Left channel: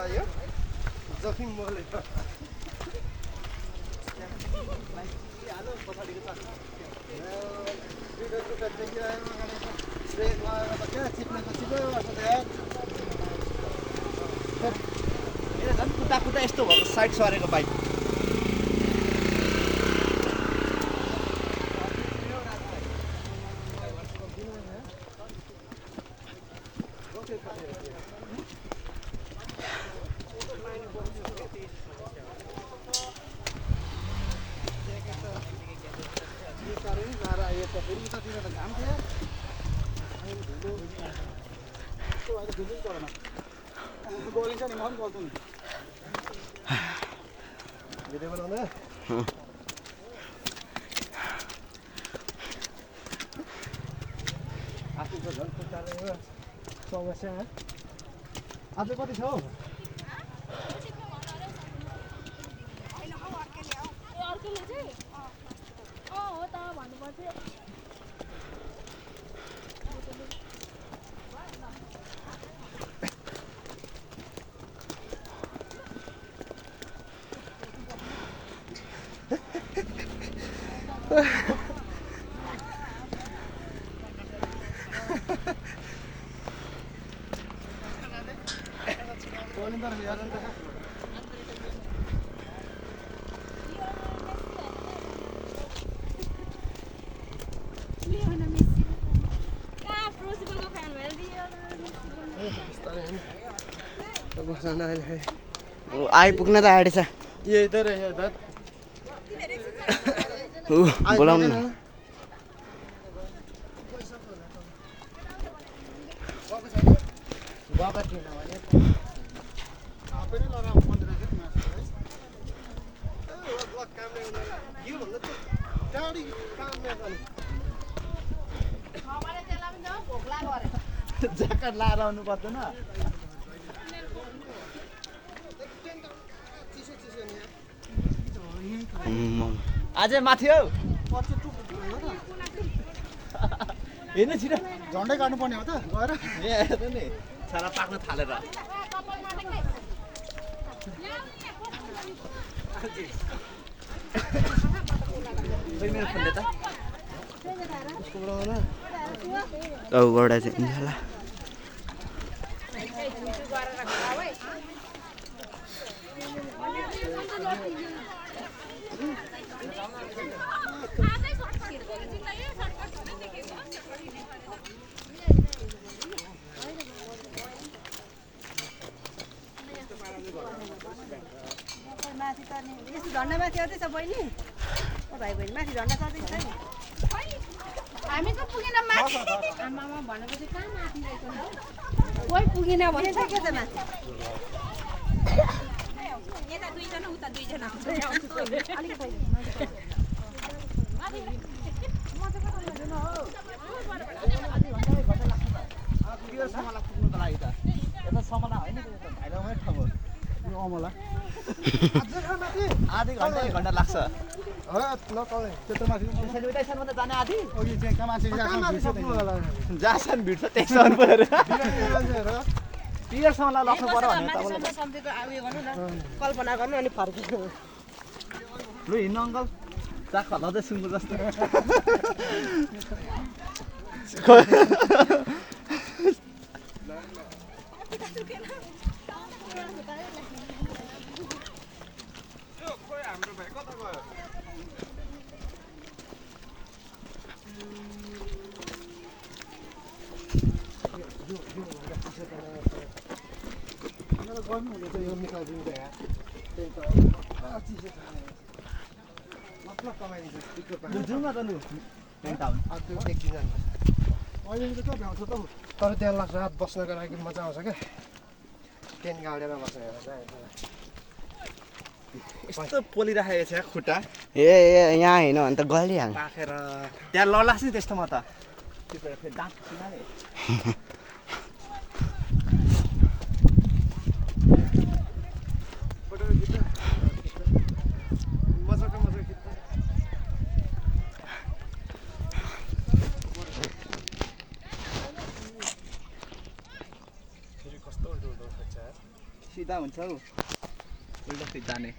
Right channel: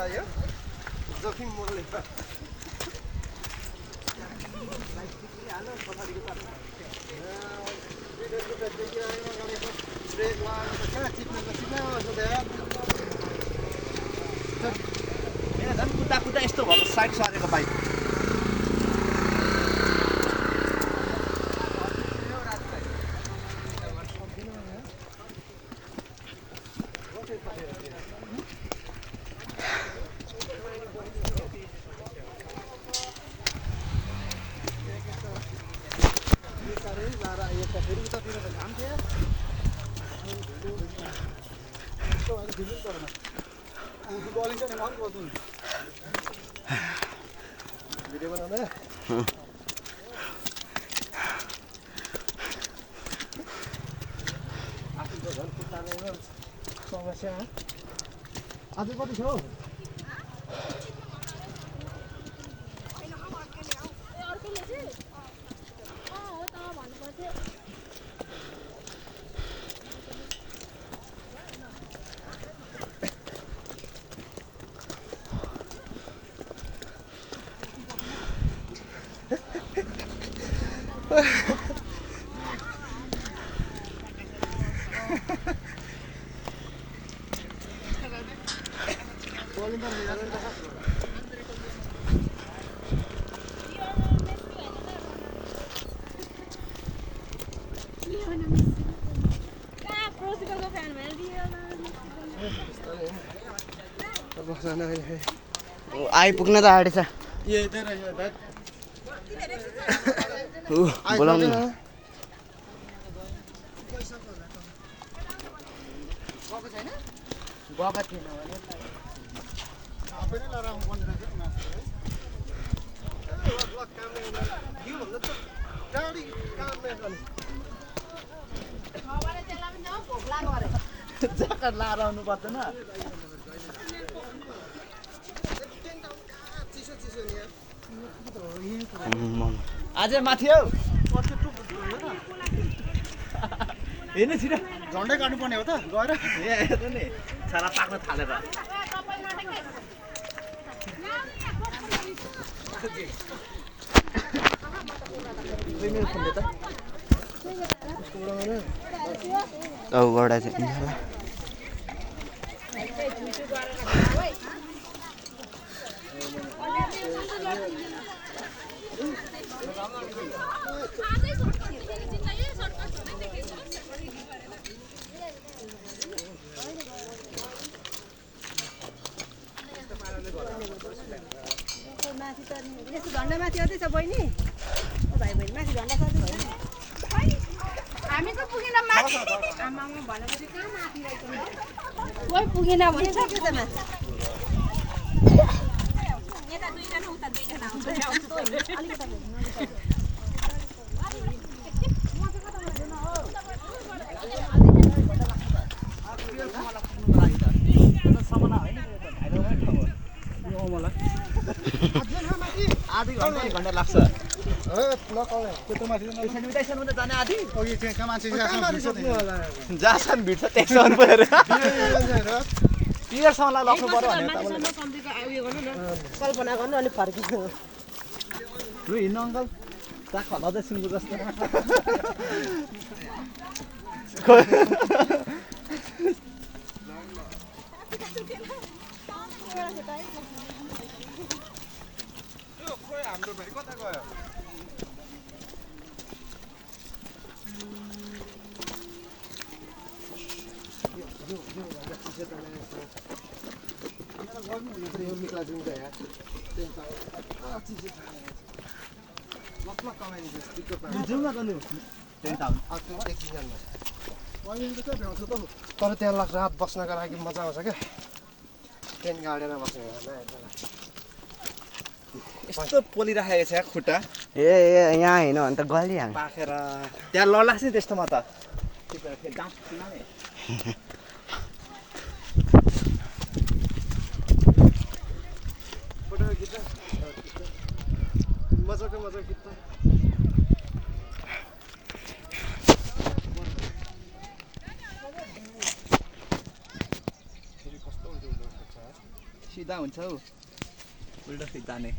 आयो जोखिम मोले झन् कुदा कुदा यस्तो भएको साइड सरेको बाइक भिडियो बनाउन समस्या आज कति छ हौ आइपुग्न त आँटेछ बोलाउनु ज्याकेट लाएर आउनु पर्दैन अझै माथि हौ हेर्नु छिटो झन्डै काट्नुपर्ने हो त गएर हेर्नु नि छाला पाक्न थालेर औबाट चाहिँ पिन्छला झन्डा माथि आउँदैछ बहिनी ओ भाइ बहिनी माथि झन्डा चढ्दैछ नि हामी त पुगेन माथि आमामा भनेपछि कहाँ माथि रहेछ कोही पुगेन भनेको के त माथि यता दुईजना उता दुईजना आउँछ आधी घन्टा 1 घन्टा लाग्छ जाने आधी जहाँसम्म भिड्छ त्यससम्म पुगेर पियरसम्मलाई लग्नु पर्यो भनेर कल्पना गर्नु अनि फर्किनु लु हिँड्नु अङ्कल चाख लजै सिङ्गु जस्तो हाम्रो भाइ कता गयो तर त्यहाँ लाग्छ रात बस्नको लागि मजा आउँछ क्या टेन्ट गाडेर बस्ने यस्तो पोलिराखेको छ खुट्टा ए यहाँ होइन भने त गलिहाल्छ पाखेर त्यहाँ ललास् नि त्यस्तोमा त मजाको खिच्दा फेरि कस्तो उल्टो खिच्छ सिधा हुन्छ हौ उल्टा सिधा जाने